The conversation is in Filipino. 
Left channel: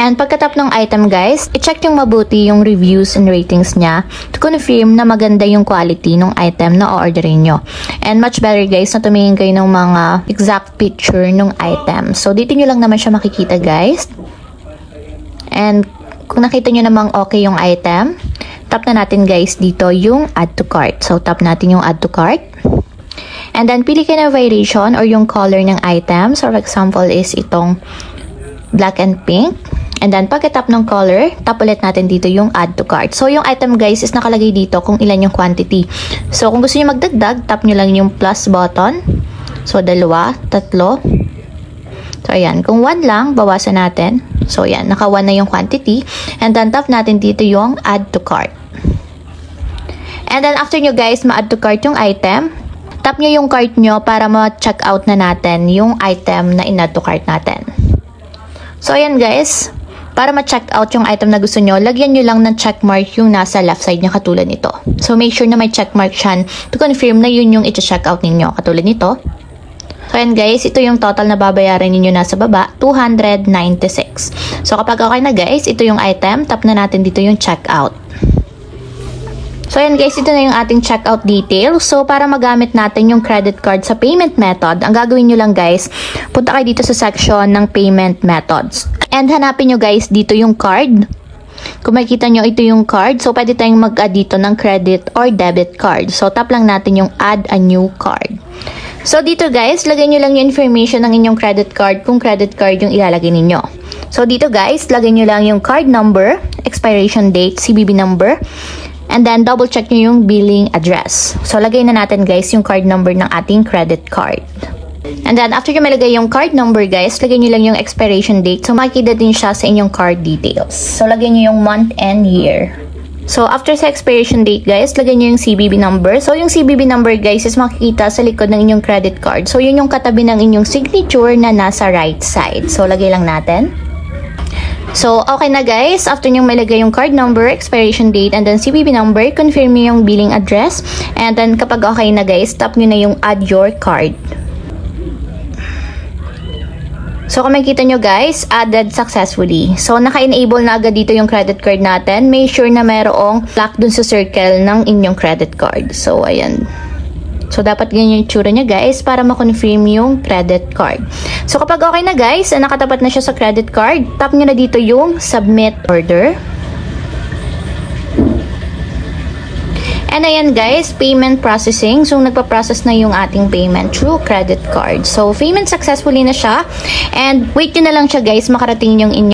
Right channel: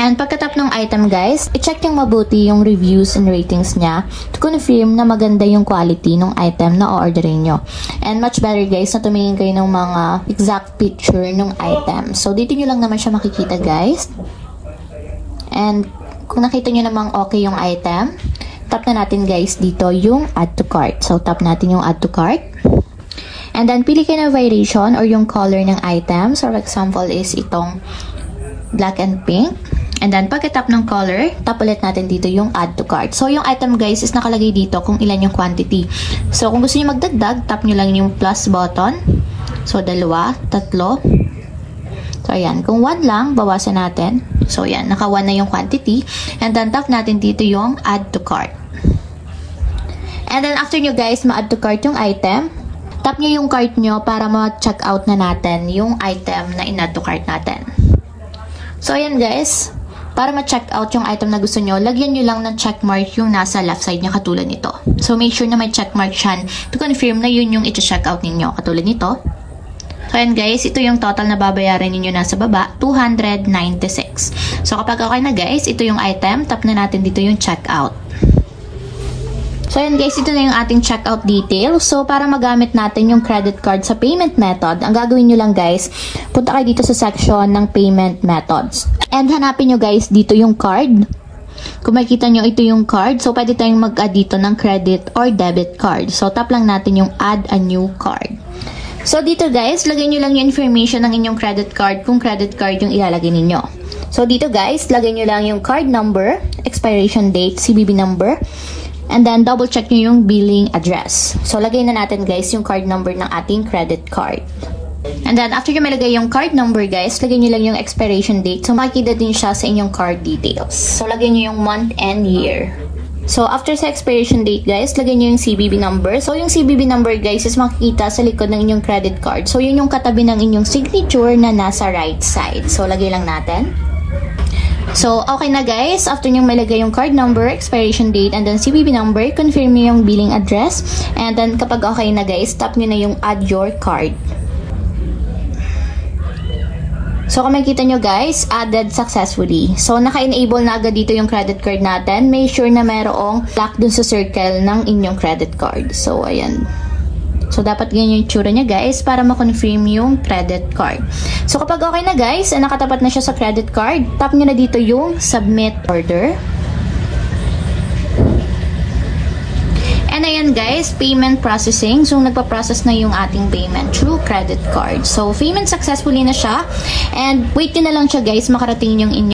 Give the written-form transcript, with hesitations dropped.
And pagkatap ng item guys, i-check yung mabuti yung reviews and ratings niya to confirm na maganda yung quality ng item na o-orderin nyo. And much better guys na tumingin kayo ng mga exact picture ng item. So dito nyo lang naman siya makikita guys. And kung nakita nyo namang okay yung item, tap na natin guys dito yung add to cart. So tap natin yung add to cart. And then pili kayo ng variation or yung color ng item. So for example is itong black and pink. And then, pagka-tap ng color, tap ulit natin dito yung add to cart. So, yung item guys is nakalagay dito kung ilan yung quantity. So, kung gusto nyo magdagdag, tap nyo lang yung plus button. So, 2, 3. So, ayan. Kung 1 lang, bawasan natin. So, ayan. Naka 1 na yung quantity. And then, tap natin dito yung add to cart. And then, after nyo guys, ma-add to cart yung item, tap nyo yung cart nyo para ma-check out na natin yung item na in-add to cart natin. So, ayan guys. Para ma-check out yung item na gusto nyo, lagyan nyo lang ng checkmark yung nasa left side niya katulad nito. So, make sure na may checkmark siyan to confirm na yun yung iti-check out ninyo katulad nito. So, ayan guys, ito yung total na babayaran ninyo nasa baba, 296. So, kapag okay na guys, ito yung item, tap na natin dito yung check out. So, ayan guys, ito na yung ating checkout details. So, para magamit natin yung credit card sa payment method, ang gagawin nyo lang guys, punta kayo dito sa section ng payment methods. And hanapin nyo guys dito yung card. Kung makikita nyo, ito yung card. So, pwede tayong mag-add dito ng credit or debit card. So, tap lang natin yung add a new card. So, dito guys, lagay nyo lang yung information ng inyong credit card kung credit card yung ilalagay ninyo. So, dito guys, lagay nyo lang yung card number, expiration date, CVV number, and then, double check nyo yung billing address. So, lagay na natin guys yung card number ng ating credit card. And then, after nyo malagay yung card number guys, lagay nyo lang yung expiration date. So, makikita din siya sa inyong card details. So, lagay nyo yung month and year. So, after sa expiration date guys, lagay nyo yung CVV number. So, yung CVV number guys is makikita sa likod ng inyong credit card. So, yun yung katabi ng inyong signature na nasa right side. So, lagay lang natin. So, okay na guys. After nyo malagay yung card number, expiration date, and then CVV number, confirm nyo yung billing address. And then, kapag okay na guys, tap nyo na yung add your card. So, kung makikita nyo guys, added successfully. So, naka-enable na agad dito yung credit card natin. Make sure na mayroong lock dun sa circle ng inyong credit card. So, ayan. So, dapat ganyan yung tsura niya guys para ma-confirm yung credit card. So, kapag okay na guys, nakatapat na siya sa credit card, tap nyo na dito yung submit order. And ayan guys, payment processing. So, nagpa-process na yung ating payment through credit card. So, payment successfully na siya. And wait nyo na lang siya guys, makarating yung inyong